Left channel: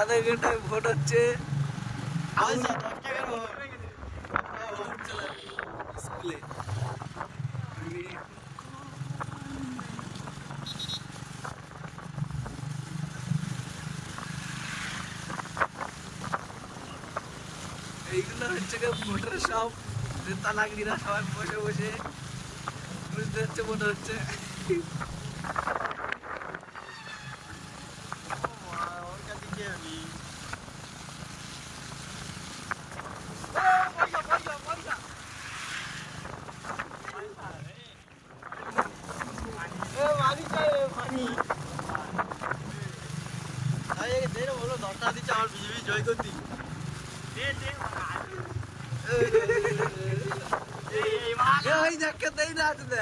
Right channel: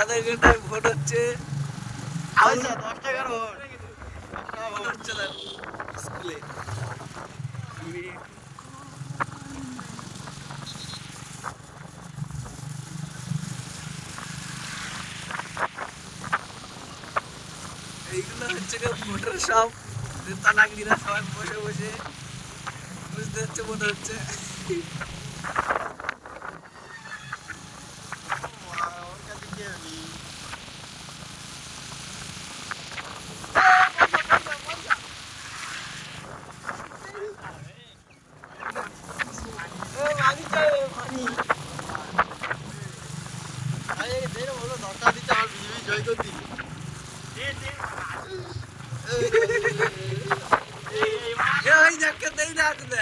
আধা ঘন্টায় ভোট হচ্ছে, 10 টাকার ভোট হচ্ছে না স্কুলে। এইগুলো হচ্ছে গিয়ে ভোটের সব নেতা নাগরিকরা সবাই বসে বসে বুঝতে হচ্ছে মনে হচ্ছে। ওর কাছে কি হবি বলো 10 টাকা দিচ্ছে আমার বিজেপি জয় করতি এই যাকে দেই না দিলে